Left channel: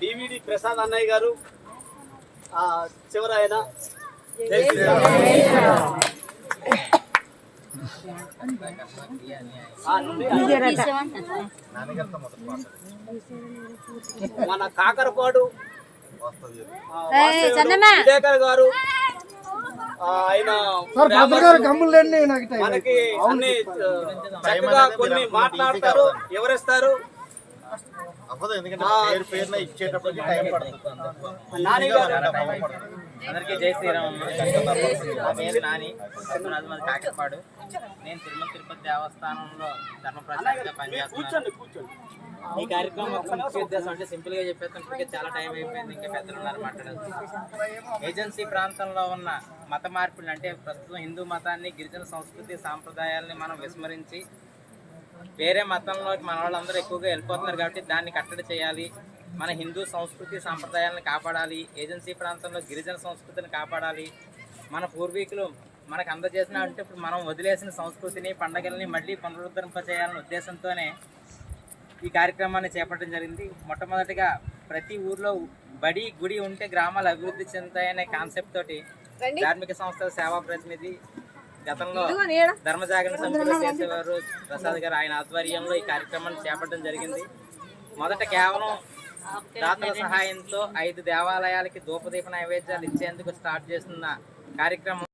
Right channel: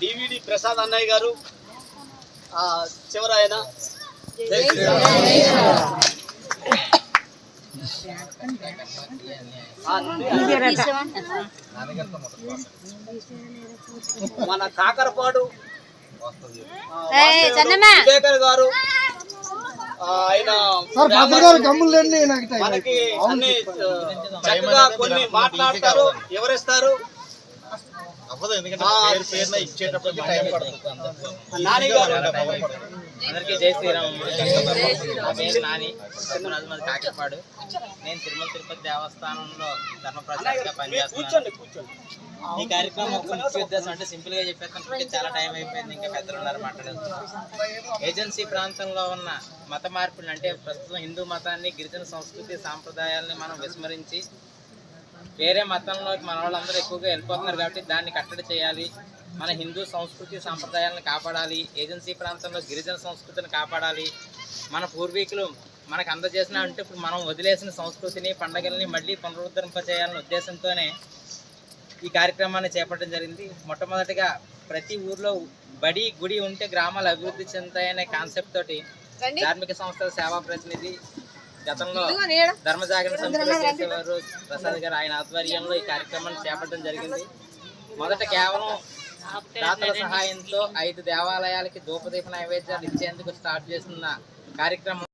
DVD Prasad అన్నయ్య గారు చివరాయన. మన కాకరపాడు వివేకర్ గారు ఆయన మనకి అన్ని ఆ, చక్కగా కొన్ని మాట్లాడతారు ఎవరిస్తారు అవ్వదు ఎందుకంటే పేరు పేరున ఇచ్చేటప్పుడు టైం పడుతుంది. నాని గారు. అందరికీ జై శ్రీరామ్ నా పేరు నాని. మాది కాకిపాడు. నేను తిరుమల తిరుపతి దేవస్థానంలో ధర్మప్రచారంగా పనిచేస్తున్నాను. కూర్చోండి ఈ కార్యక్రమం ఒక ముఖ్య ఉద్దేశం అంటే సింపుల్గా చెప్పేస్తాను చాలా టైం అయిపోయింది ఇంకా పెద్దలు ఉన్నారు మాట్లాడాలి ఏజెన్సీ ప్రాంతంలో ఉన్న మత మార్పులు అంటే ప్రస్తుతం హిందూ మతాన్ని గిరిజన సంస్కృతి సాంప్రదాయాల్ని మనం విస్మరించి వేరే మతంలోకి మన వాళ్ళందరూ ఎక్కువగా వెళ్ళిపోతున్నారు కాబట్టి దాన్ని కట్టడి చేయాలి. మన హిందూ సంస్కృతి సాంప్రదాయాలను కాపాడాలి. ఏజెన్సీ ప్రాంతంలో గిరిజన సంస్కృతిని కాపాడాలి. మన పూర్వీకులు మనకు అందజేసిన అంటే ఇప్పుడు మనం వదిలేసిన సంస్కృతిని పండగల్ని మళ్ళీ పునరుద్ధరింప చేయాలనే ఉద్దేశంతోనే ఈ కార్యక్రమాన్ని చేపట్టడం జరిగింది. మొట్టమొదటిగా ప్రతి ఊర్లో బడి గుడి ఉంటే గ్రామాలు అభివృద్ధి చెందుతాయనే కాన్సెప్ట్ తోటి ధార్మిక సంస్థల సేవా ప్రతినిధి గతంలో ధర్మ జాగరణ సమితిలో చేసేవారు ప్రసాద్ గారు ఆయన ఆధ్వర్యంలో ఈ కార్యక్రమాన్ని చేపట్టడం జరిగింది. మొదట కేవలం దాతల సహాయంతో ఐదు దేవాలయాలకి ధూపదీప నైవేద్యాలు ఇచ్చేందుకు స్టార్ట్ చేస్తున్న కార్యక్రమం